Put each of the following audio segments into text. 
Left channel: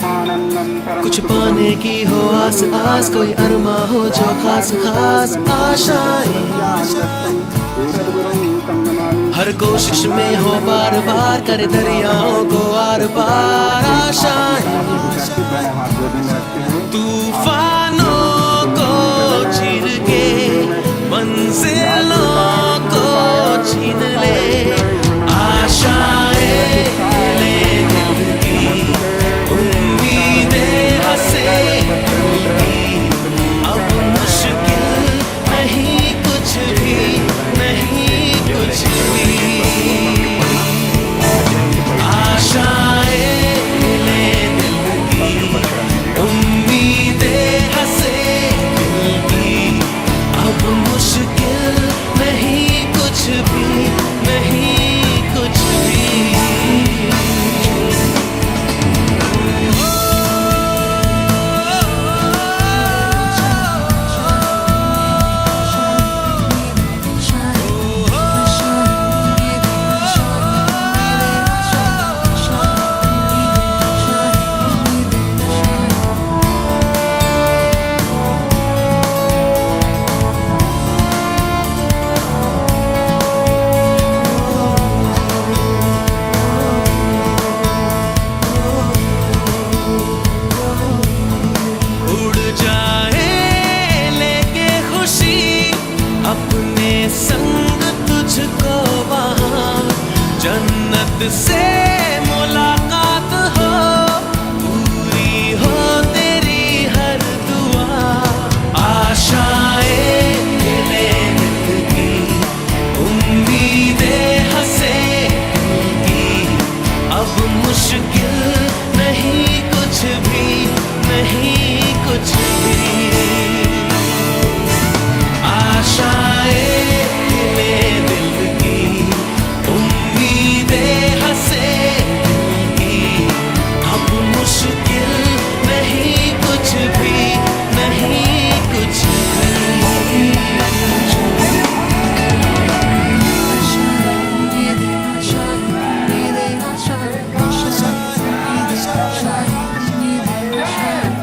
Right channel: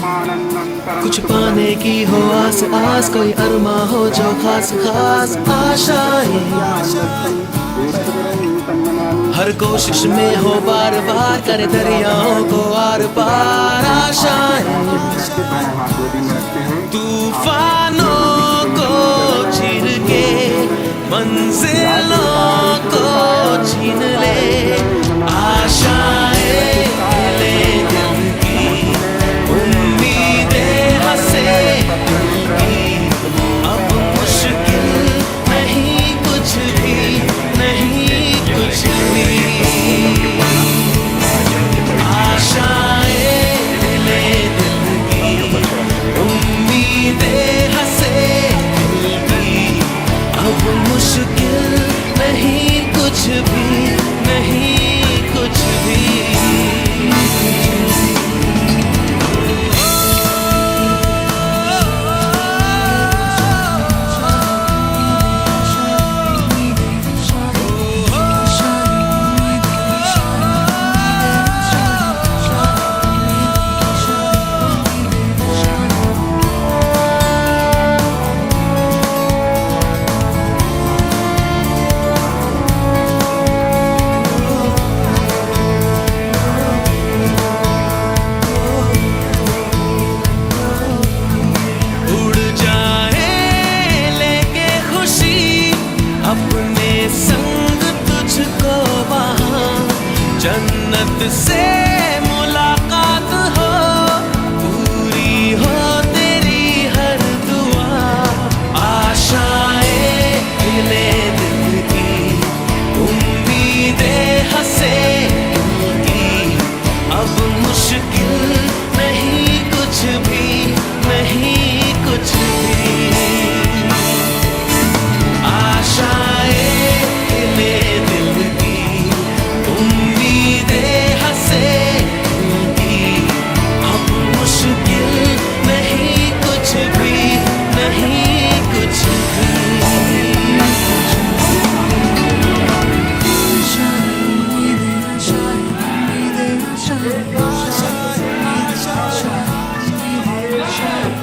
कुछ पाने की हो आस आस, कोई अरमा हो जो खास खास आशाएं, हर कोशिश में हो बार बार करे दरियाओं को आर पार आशाएं, तूफानों को चीर के मंजिलों को छीन ले आशाएं, ले दिल की उम्मीदें हंसे अब मुश्किल नहीं कुछ भी, नहीं कुछ भी, आशाएं ले दिल की उम्मीदें हंसे दिल की अब मुश्किल नहीं कुछ भी, नहीं कुछ भी। अपने संग तुझको वहाँ जन्नत से मुलाकात हो, पूरी हो तेरी हर दुआ, आशाएं ले दिल की उम्मीदें हंसे दिल की अब मुश्किल नहीं कुछ भी, नहीं कुछ भी, आशाएं ले दिल की उम्मीदें हंसे दिल की अब मुश्किल नहीं कुछ भी, नहीं कुछ भी।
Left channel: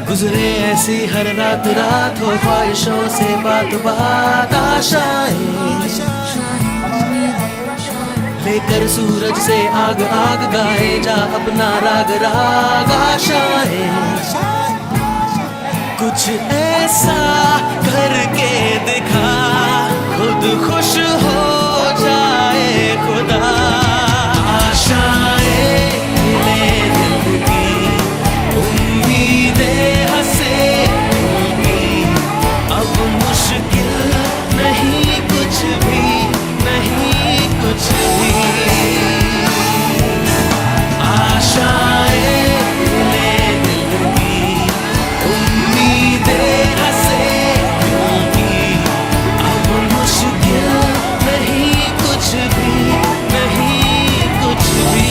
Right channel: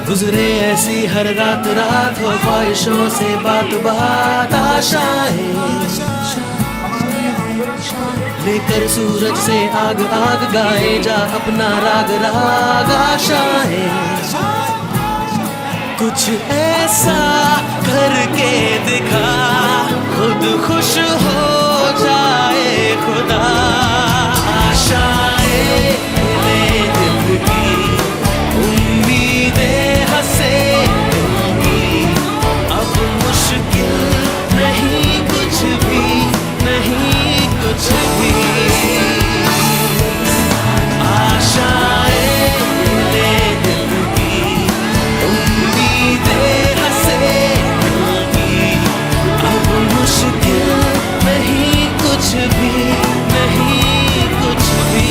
गुजरे ऐसी हर रात रात हो ख्वाहिशों से बात बात आशाएं, लेकर सूरज से आग आग गाए जा अपना राग राग आशाएं, कुछ ऐसा करके दिखा खुद खुश हो जाए खुदा, आशाएं ले दिल की उम्मीदें हंसे दिल की अब मुश्किल नहीं कुछ भी, नहीं कुछ भी, आशाएं ले दिल की उम्मीदें हंसे दिल की अब मुश्किल नहीं कुछ भी, नहीं कुछ भी।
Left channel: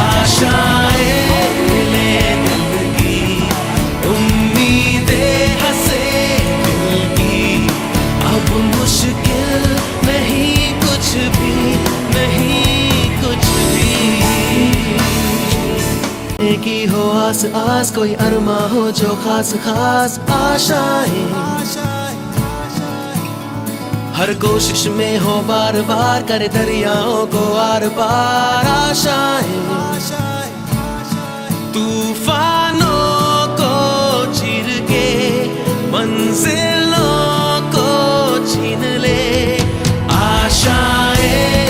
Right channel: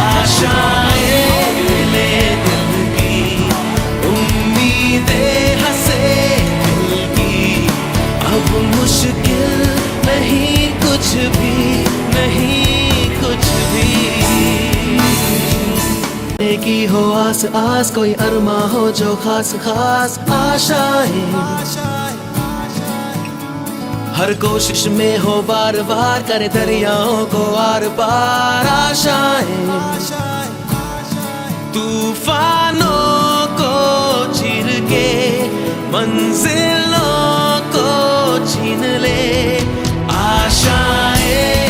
आशाएं ले दिल की उम्मीदें हंसे दिल की अब मुश्किल नहीं कुछ भी, नहीं कुछ भी, एक ही हो आस आस, कोई अरमा हो जो खास खास आशाएं, हर कोशिश में हो बार बार करे दरियाओं को आर पार आशाएं, तूफानों को चीर के मंजिलों को छीन ले आशाएं